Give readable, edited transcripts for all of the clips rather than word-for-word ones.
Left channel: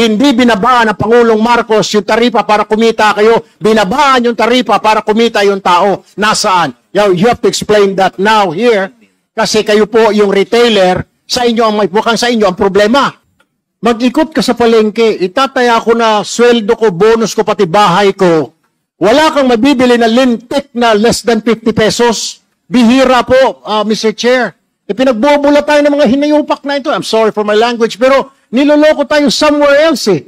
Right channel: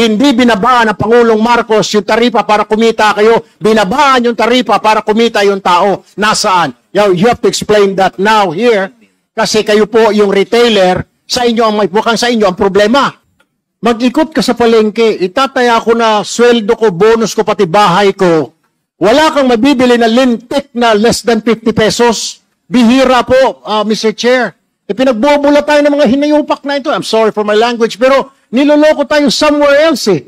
Hindi binabaan ng Pangulong Marcos yung taripa para kumita kayo. Binabaan yung taripa para kumita yung tao. Nasaan? You have to explain that now here. Kasi kayo po yung retailer, sa inyo ang mukhang sa inyo ang problema. Mag-ikot ka sa palengke, itataya ko na sweldo ko, bonus ko, pati bahay ko. Wala kang mabibili na lintik na less than 50 pesos. Bihira po, Mr. Chair. Pinagbubula tayo ng mga hinayupak na ito. I'm sorry for my language, pero niloloko tayo somewhere else eh.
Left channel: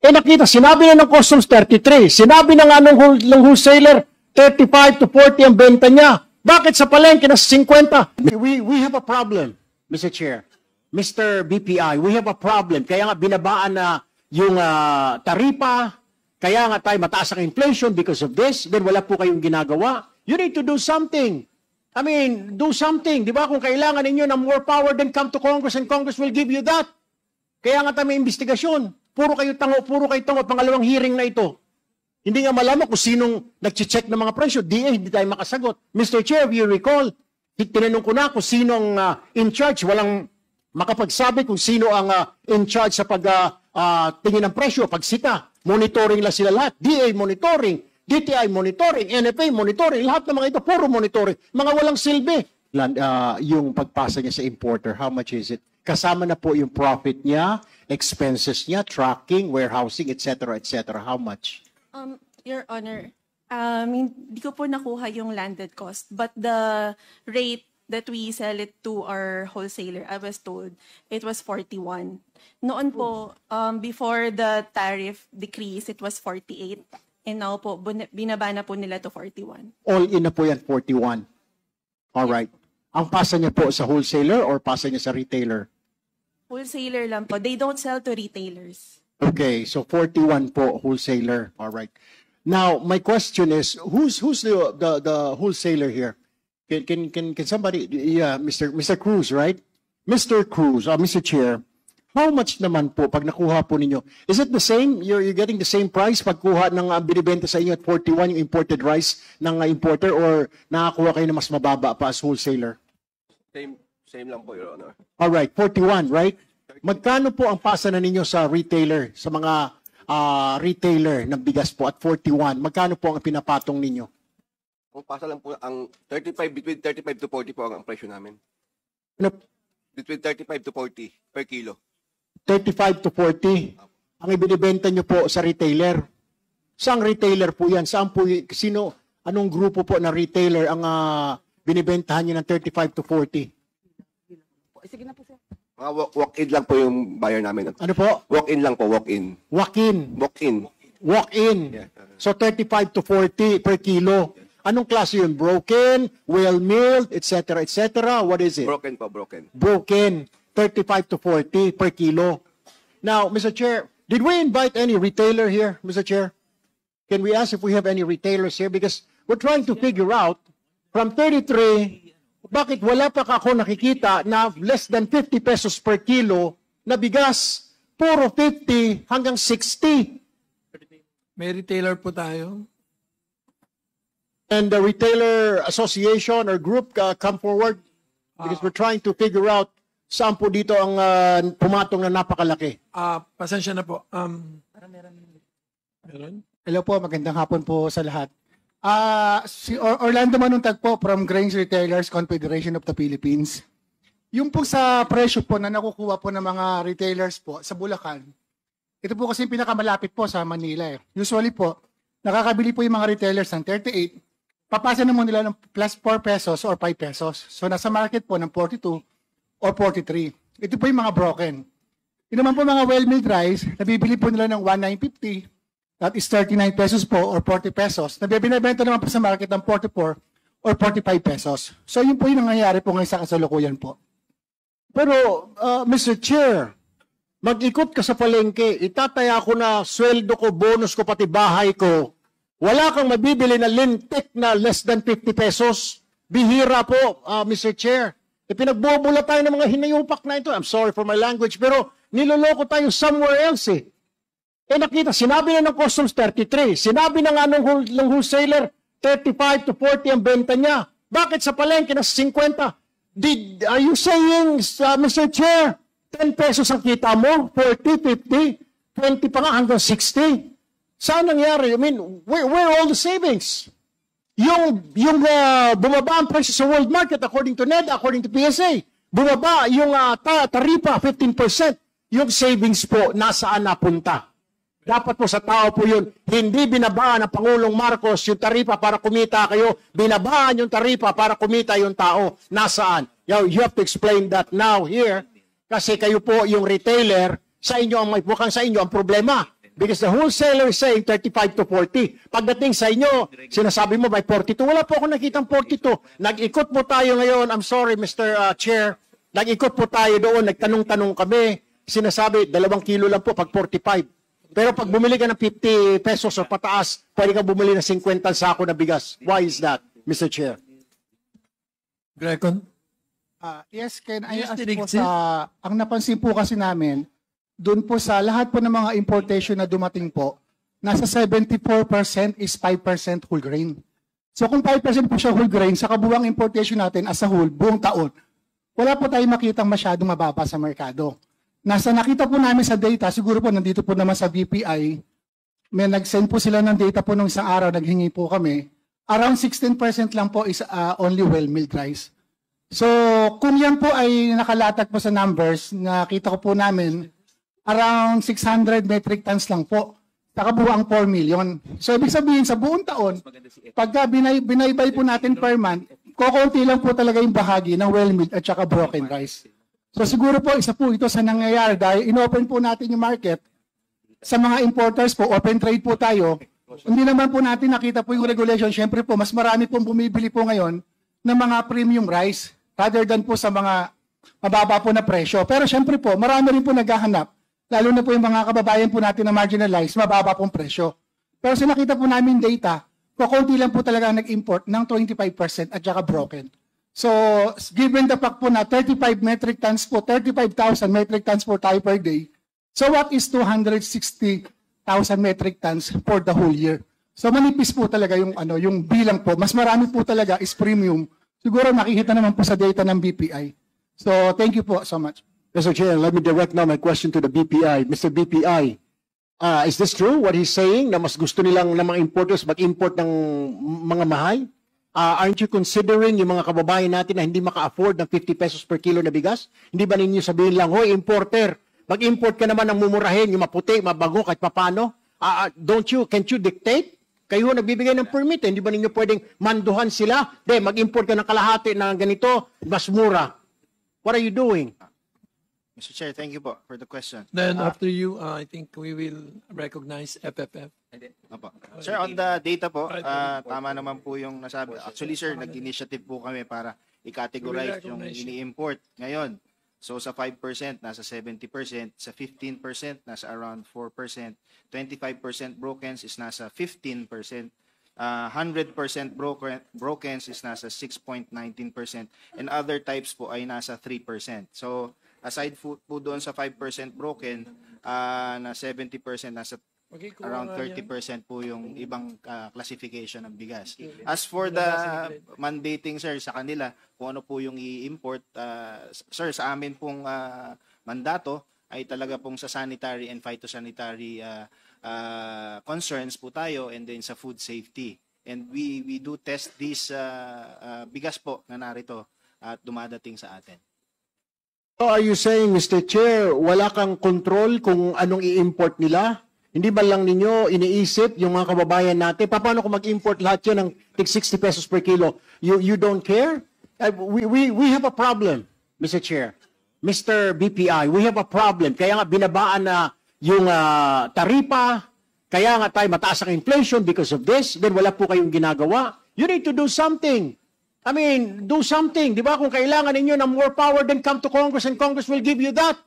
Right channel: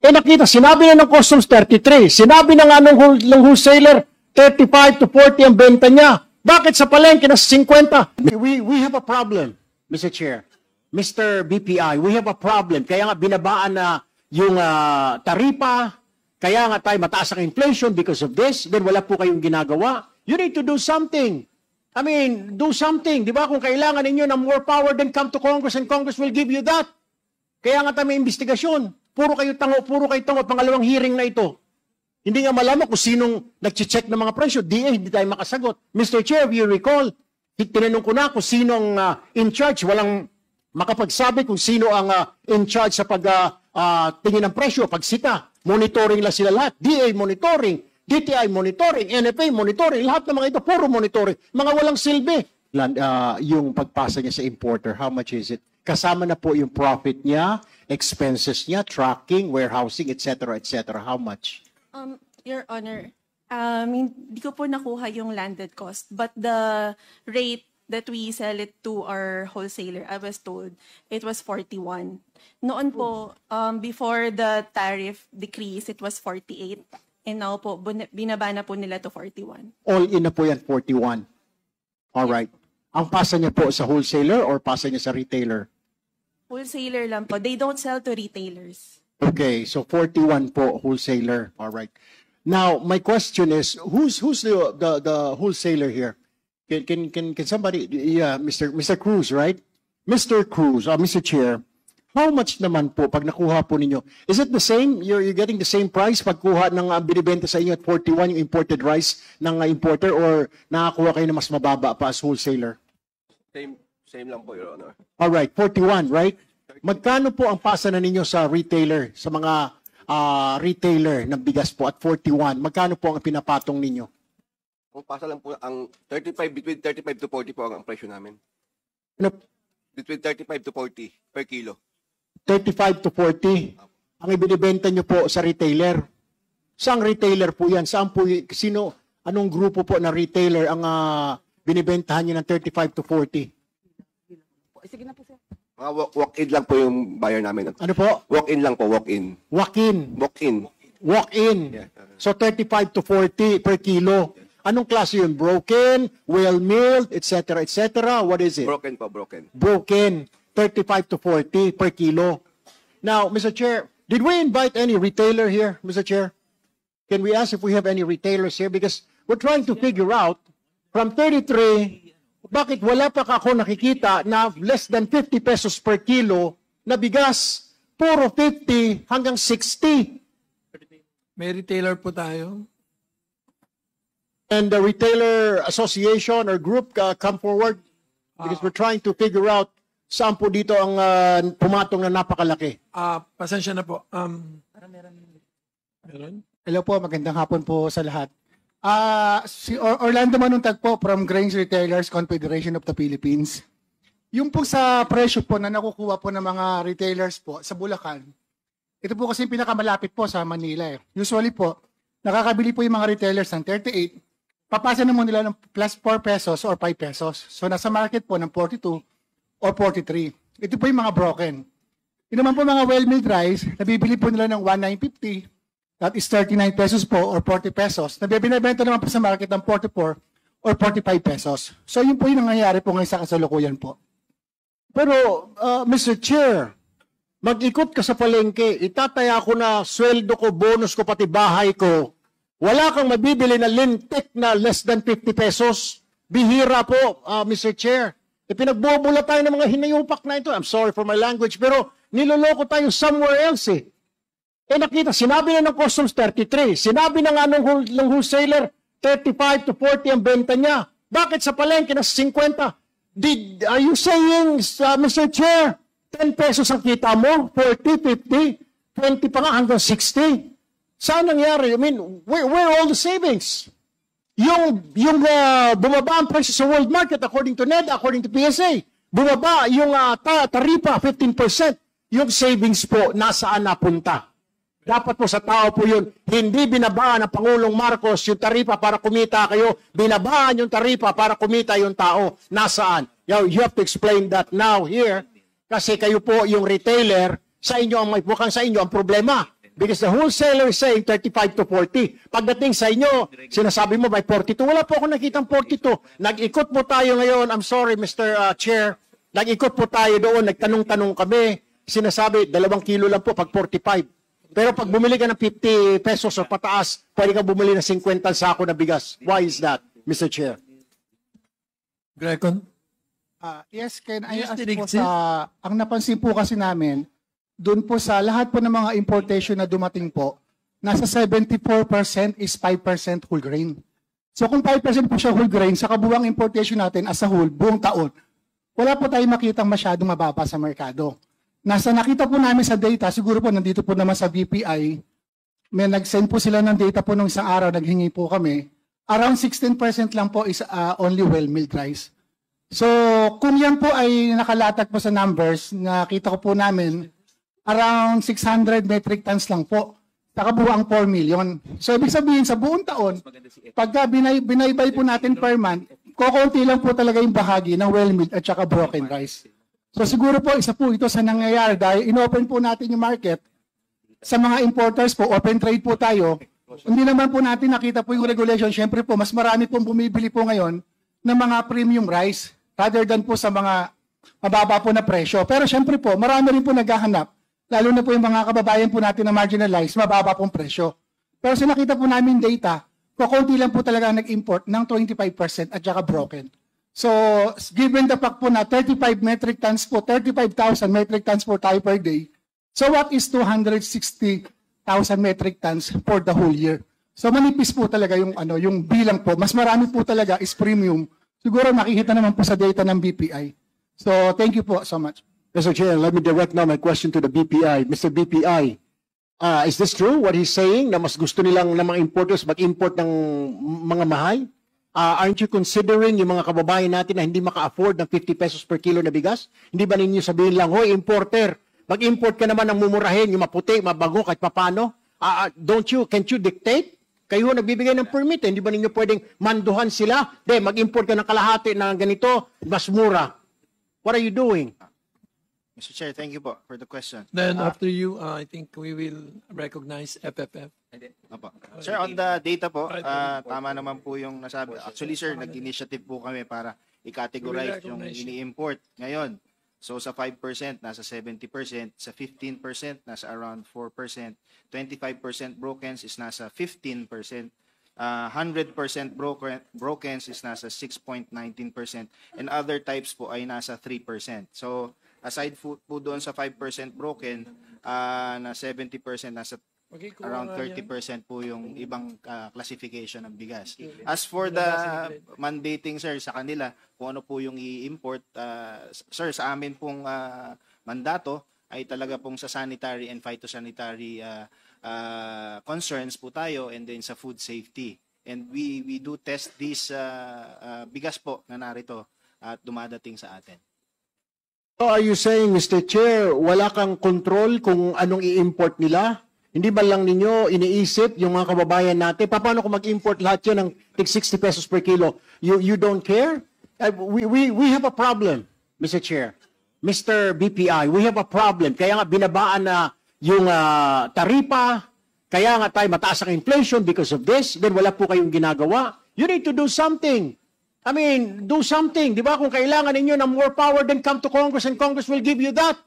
Nakita, sinabi na ng customs 33. Sinabi na nga ng wholesaler, 35 to 40 ang benta niya. Bakit sa palengke na 50? We have a problem, Mr. Chair. Mr. BPI, we have a problem. Kaya nga binabaan na yung taripa, kaya nga tayo mataas ang inflation because of this, then wala po kayong ginagawa. You need to do something. I mean, do something. Di ba? Kung kailangan ninyo ng more power, then come to Congress and Congress will give you that. Kaya nga tayo may investigasyon. Puro kayo tango, pangalawang hearing na ito. Hindi nga malaman kung sinong nag-check ng mga presyo. Hindi tayo makasagot. Mr. Chair, if you recall, tinanong ko na kung sinong in charge. Walang makapagsabi kung sino ang in charge sa pagtingin ng presyo, pagsita. Monitoring lang sila lahat. DA monitoring. DTI monitoring, NFA monitoring, lahat ng mga ito, puro monitoring. Mga walang silbi. Yung pagpasa niya sa importer, how much is it? Kasama na po yung profit niya, expenses niya, tracking, warehousing, etc., etc. How much? Your Honor, hindi ko po nakuha yung landed cost, but the rate that we sell it to our wholesaler, I was told, it was 41. Noon po, before the tariff decrease, it was 48. And now po, binaba na po nila to 41. All in na po yan, 41. Alright. Ang pasa niya po sa wholesaler or pasa niya sa retailer? Wholesaler lang po. They don't sell to retailers. Okay, so 41 po, wholesaler. Alright. Now, my question is, who's the wholesaler here? Can somebody, Mr. Cruz, right? Mr. Cruz, Mr. Chair, how much naman po pag nakuha po ninyo? Is it the same? You're getting the same price pagkuha ng binibenta sa inyo at 41 yung imported rice ng importer or nakakuha kayo na mas mababa pa as wholesaler? Same lang po, Your Honor. Alright, 41, right? Magkano po ang pasa na ninyo sa retailer, sa mga retailer ng bigas po at 41? Magkano po ang pinapatong ninyo? Ang pasa lang po, ang 35, between 35 to 40 po ang presyo namin. Between 35 to 40 per kilo. 35 to 40 ang ibinibenta nyo po sa retailer. Saang retailer po yan? Saan po, anong grupo po ng retailer ang binibentahan nyo ng 35 to 40? Sige na po, sir. Walk-in lang po yung buyer namin. Ano po? Walk-in lang po, walk-in. Walk-in. Walk-in. Walk-in. Yeah. So 35 to 40 per kilo. Anong klase yun? Broken, well-milled, etc., etc.? What is it? Broken po, broken. Broken. 35 to 40 per kilo. Now, Mr. Chair, did we invite any retailer here, Mr. Chair? Can we ask if we have any retailers here? Because we're trying to figure out, from 33, bakit wala pa ako nakikita na less than 50 pesos per kilo na bigas? Puro 50 hanggang 60. May retailer po tayo. And the retailer association or group come forward? Because we're trying to figure out saan po dito ang pumatong na napakalaki. Pasensya na po. Hello po, magandang hapon po sa lahat. Si Orlando Manuntag po from Grains Retailers Confederation of the Philippines. Yung po sa presyo po na nakukuha po ng mga retailers po sa Bulacan, ito po kasi yung pinakamalapit po sa Manila eh. Usually po, nakakabili po yung mga retailers ng 38, papasa naman nila ng plus 4 pesos or 5 pesos. So nasa market po ng 42 or 43. Ito po yung mga broken. Yung naman po mga well-made rice, nabibili po nila ng 1,950. That is 39 pesos po or 40 pesos. Nabibinibenta naman po sa market ng 44 or 45 pesos. So yun po yung nangyayari po ngayon sa kasalukuyan po. Pero, Mr. Chair, mag-ikot ka sa palengke, itataya ko na sweldo ko, bonus ko, pati bahay ko. Wala kang mabibili na lintik na less than 50 pesos. Bihira po, Mr. Chair. Pinagbubula tayo ng mga hinayupak na ito. I'm sorry for my language, pero niloloko tayo somewhere else eh. Nakita, sinabi na ng customs 33. Sinabi na nga ng wholesaler, 35 to 40 ang benta niya. Bakit sa palengke na 50? Are you saying, Mr. Chair, 10 pesos ang kita mo? 40, 50? 20 pa nga hanggang 60. Saan nangyari? I mean, where are all the savings? Yung bumaba ang presyo sa world market according to NEDA, according to PSA. Bumaba yung taripa, 15%. Yung savings po, nasaan napunta? Dapat po sa tao po yun, hindi binabaan ng Pangulong Marcos yung taripa para kumita kayo, binabaan yung taripa para kumita yung tao. Nasaan? You have to explain that now here, kasi kayo po yung retailer, sa inyo, mukhang sa inyo ang problema. Because the wholesaler is saying 35 to 40. Pagdating sa inyo, sinasabi mo by 42. Wala po ako nakitang 42. Nag-ikot po tayo ngayon, I'm sorry Mr. Chair, nag-ikot po tayo doon, nagtanong-tanong kami, sinasabi, 2 kilo lang po pag 45. Pero pag bumili ka ng 50 pesos o pataas, pwede ka bumili ng 50 sako na bigas. Why is that, Mr. Chair? Greco? Yes, can I ask Dinig po sir. ang napansin po kasi namin, doon po sa lahat po ng mga importation na dumating po, nasa 74% is 5% whole grain. So kung 5% po siya whole grain, sa kabuuang importation natin as a whole, buong taon, wala po tayong makitang masyadong mababa sa merkado. Nakita po namin sa data, siguro po nandito po naman sa BPI, may nag-send po sila ng data po nung isang araw, naghingi po kami, around 16% lang po is only well-milled rice. So, kung yan po ay nakalatag po sa numbers, nakita ko po namin, around 600 metric tons lang po. Pakabuang 4 million. So, ibig sabihin, sa buong taon, pagka binaybay po natin per month, kukunti lang po talaga yung bahagi ng well-milled at saka broken rice. So, siguro po, isa po ito sa nangyayari dahil in-open po natin yung market. Sa mga importers po, open trade po tayo. Hindi naman po natin nakita po yung regulation. Siyempre po, mas marami pong bumibili po ngayon ng mga premium rice rather than po sa mga mababa po na presyo. Pero siyempre po, marami rin po naghahanap. Lalo na po yung mga kababayan po natin na marginalized, mababa pong presyo. Pero sa nakita po namin data, kukunti lang po talaga nag-import ng 25% at saka broken. So, given the fact po na 35 metric tons po, 35,000 metric tons po tayo per day, so what is 260,000 metric tons for the whole year? So, manipis po talaga yung bilang po. Mas marami po talaga is premium. Siguro makikita naman po sa data ng BPI. So, thank you po so much. Mr. Chair, let me direct now my question to the BPI. Mr. BPI, is this true what he's saying na mas gusto nilang ng mga importers mag-import ng mga mahal? Aren't you considering yung mga kababayan natin na hindi maka-afford ng 50 pesos per kilo na bigas? Hindi ba ninyo sabihin lang, hoy, importer, mag-import ka naman ng mumurahin, yung maputi, mabago, kahit papano? Can't you dictate? Kayo nagbibigay ng permit, hindi ba ninyo pwedeng manduhan sila? Mag-import ka ng kalahati ng ganito, mas mura. What are you doing? Mr. Chair, thank you po for the question. Then after you, I think we will recognize FFF. Opo. Sir, on the data po, tama naman po yung nasabi. Actually, sir, nag-initiative po kami para i-categorize yung ini-import ngayon. So, sa 5%, nasa 70%. Sa 15%, nasa around 4%. 25% brokens is nasa 15%. 100% brokens is nasa 6.19%. And other types po ay nasa 3%. So, aside po doon sa 5% broken, na 70% nasa around 30% po yung ibang classification ng bigas. As for the mandating, sir, sa kanila, kung ano po yung i-import, sir, sa amin pong mandato ay talaga pong sa sanitary and phytosanitary concerns po tayo, and then sa food safety. And we do test this bigas po na narito at dumadating sa atin. Are you saying, Mr. Chair, wala kang control kung anong i-import nila? Hindi ba lang ninyo iniisip yung mga kababayan natin? Paano kung mag-import lahat yan ng 60 pesos per kilo? You don't care? We have a problem, Mr. Chair. Mr. BPI, we have a problem. Kaya nga binabaan na yung taripa, kaya nga tayo mataas ang inflation because of this. Then wala po kayong ginagawa. You need to do something. I mean, do something. Di ba? Kung kailangan ninyo ng more power, then come to Congress and Congress will give you that.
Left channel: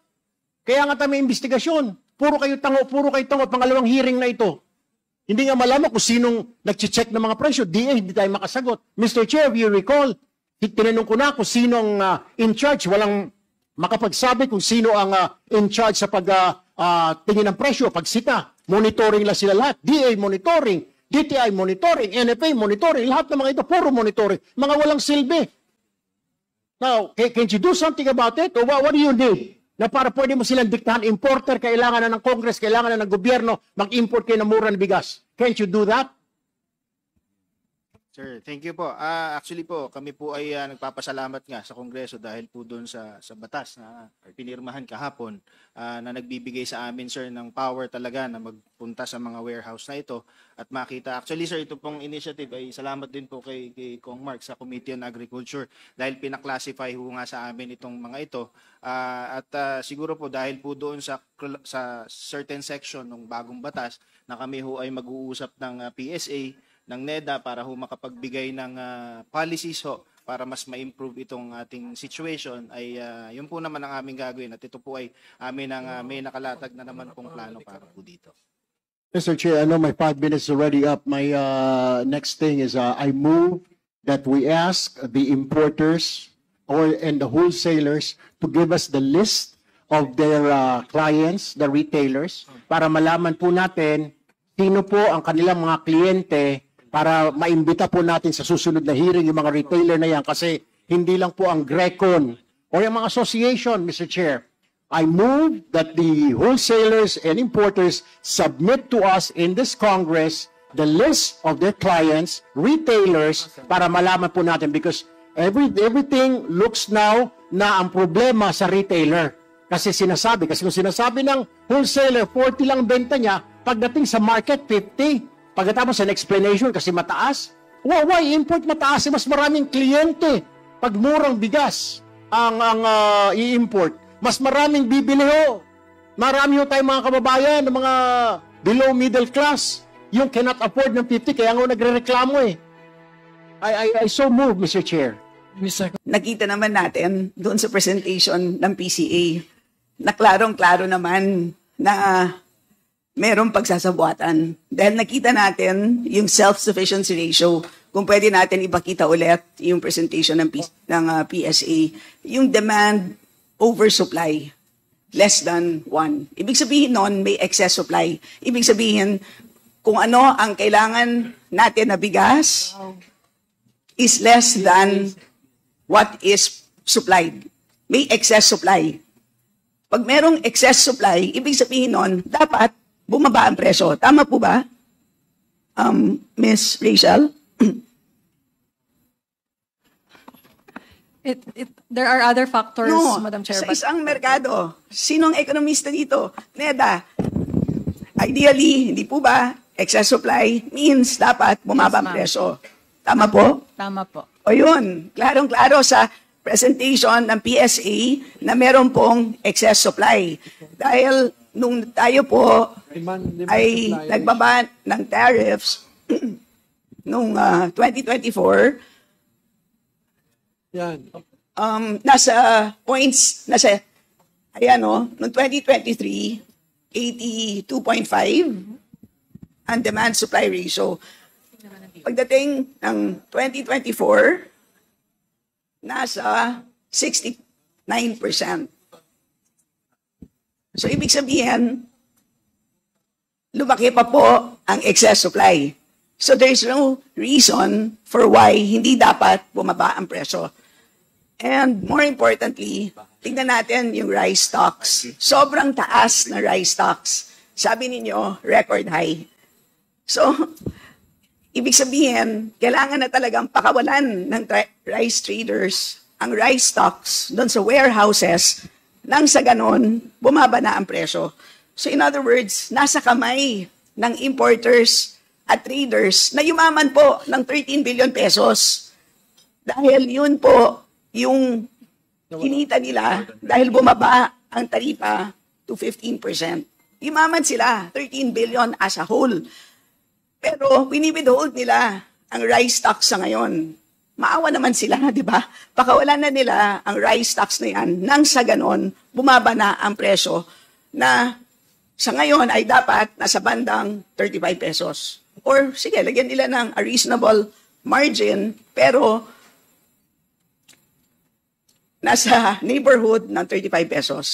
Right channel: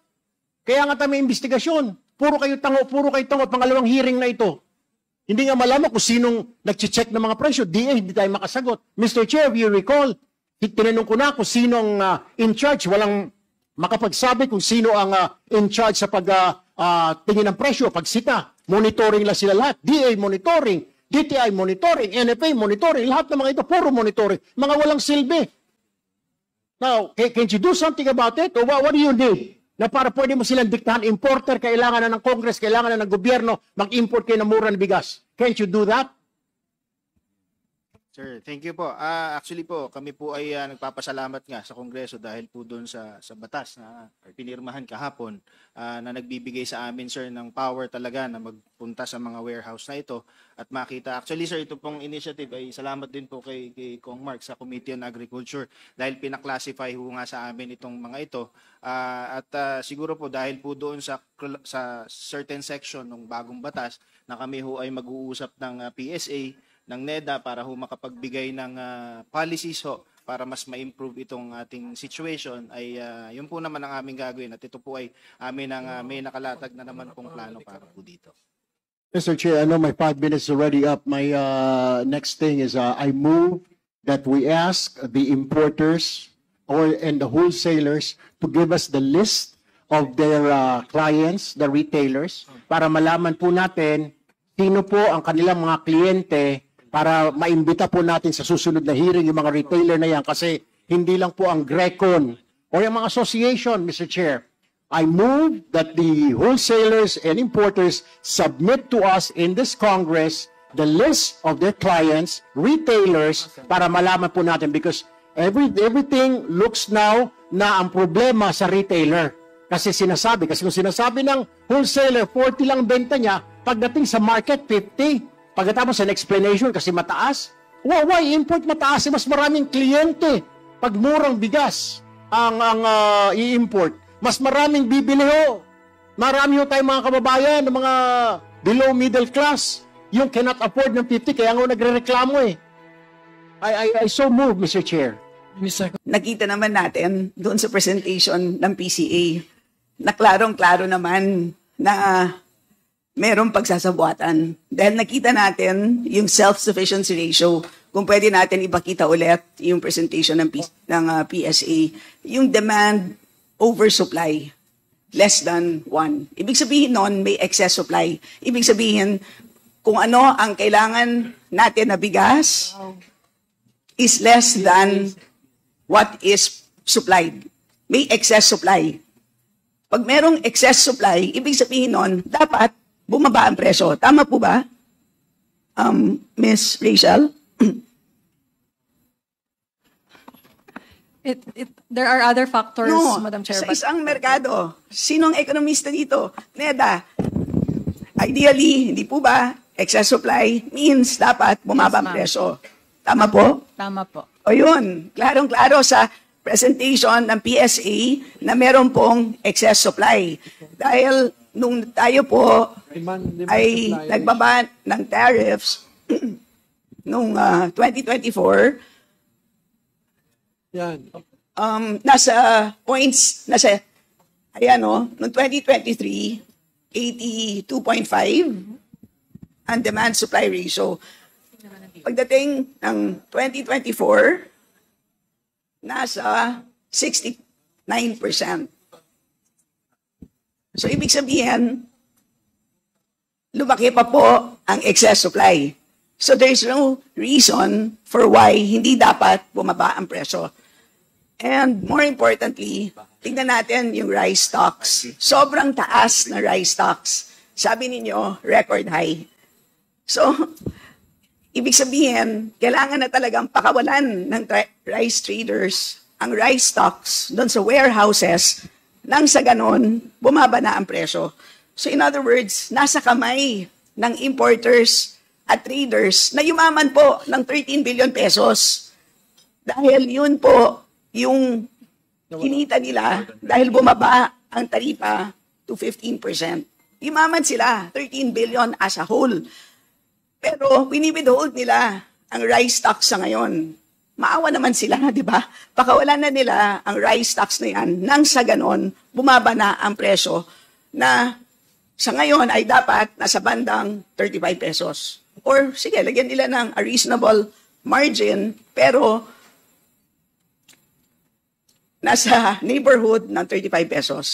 Kaya nga tayo may investigasyon. Puro kayo tango at pangalawang hearing na ito. Hindi nga malaman kung sinong nag-check ng mga presyo. hindi tayo makasagot. Mr. Chair, if you recall, tinanong ko na kung sinong in charge. Walang makapagsabi kung sino ang in charge sa pag-tingin ng presyo, pagsita. Monitoring lang sila lahat. DA monitoring. DTI monitoring, NFA monitoring, lahat ng mga ito, puro monitoring. Mga walang silbi. Now, can't you do something about it? Or what do you need? Na para pwede mo silang diktahan, importer, kailangan na ng Congress, kailangan na ng bigas. Can't you do that? Sir, thank you po. Actually po, kami po ay nagpapasalamat nga sa Kongreso dahil po doon sa batas na pinirmahan kahapon na nagbibigay sa amin, sir, ng power talaga na magpunta sa mga warehouse na ito at makita. Actually, sir, ito pong initiative ay salamat din po kay Kong Mark sa Committee on Agriculture dahil pinaklasify ho nga sa amin itong mga ito. Siguro po dahil po doon sa certain section ng bagong batas na kami ho ay mag-uusap ng PSA, ng NEDA para ho makapagbigay ng policies ho para mas ma-improve itong ating situation ay yun po naman ang aming gagawin at ito po ay may nakalatag na naman kung lalo para po dito. Mr. Chair, I know my 5 minutes is already up. My next thing is I move that we ask the importers and the wholesalers to give us the list of their clients, the retailers, para malaman po natin sino po ang kanilang mga kliyente para maimbita po natin sa susunod na hearing yung mga retailer na yan kasi hindi lang po ang Grecon o yung mga association, Mr. Chair. I move that the wholesalers and importers submit to us in this Congress the list of their clients, retailers, para malaman po natin because everything looks now na ang problema sa retailer. Kasi kung sinasabi ng wholesaler, 40 lang benta niya, pagdating sa market, 50. Pagkatapos ng explanation kasi mataas, why import mataas? Mas maraming kliyente. Pag murang bigas ang i-import, mas maraming bibili ho. Marami ho tayong mga kababayan, ng mga below middle class, yung cannot afford ng 50, kaya nga nagre-reklamo eh. I so move, Mr. Chair. Nakita naman natin doon sa presentation ng PCA na klarong-klaro naman na merong pagsasabuatan. Dahil nakita natin yung self-sufficiency ratio, kung pwede natin ipakita ulit yung presentation ng PSA, yung demand over supply, less than 1. Ibig sabihin nun, may excess supply. Ibig sabihin, kung ano ang kailangan natin na bigas is less than what is supplied. May excess supply. Pag merong excess supply, ibig sabihin nun, dapat bumaba ang presyo. Tama po ba? Ms. Rachel? There are other factors, No, Madam Chair. sa isang merkado, sinong ekonomista dito? NEDA. Ideally, hindi po ba? Excess supply means dapat bumaba ang presyo. Tama po? Tama po. O yun, klarong-klaro sa presentation ng PSA na meron pong excess supply. Dahil nung tayo po ay nagbaba ng tariffs nung 2024, nasa points, noong 2023, 82.5 ang demand-supply ratio. Pagdating ng 2024, nasa 69%. So, ibig sabihin, lumaki pa po ang excess supply. So, there's no reason for why hindi dapat bumaba ang presyo. And more importantly, tingnan natin yung rice stocks. Sobrang taas na rice stocks. Sabi ninyo, record high. So, ibig sabihin, kailangan na talagang pakawalan ng rice traders ang rice stocks doon sa warehouses nang sa ganon, bumaba na ang presyo. So in other words, nasa kamay ng importers at traders na yumaman po ng 13 billion pesos. Dahil yun po yung kinita nila dahil bumaba ang taripa to 15%. Yumaman sila, 13 billion as a whole. Pero winibidhold nila ang rice stocks sa ngayon. Maawa naman sila, di ba? Pakawalan na nila ang rice stocks na yan nang sa ganon, bumaba na ang presyo na sa ngayon ay dapat nasa bandang 35 pesos. Or sige, lagyan nila ng a reasonable margin pero nasa neighborhood ng 35 pesos.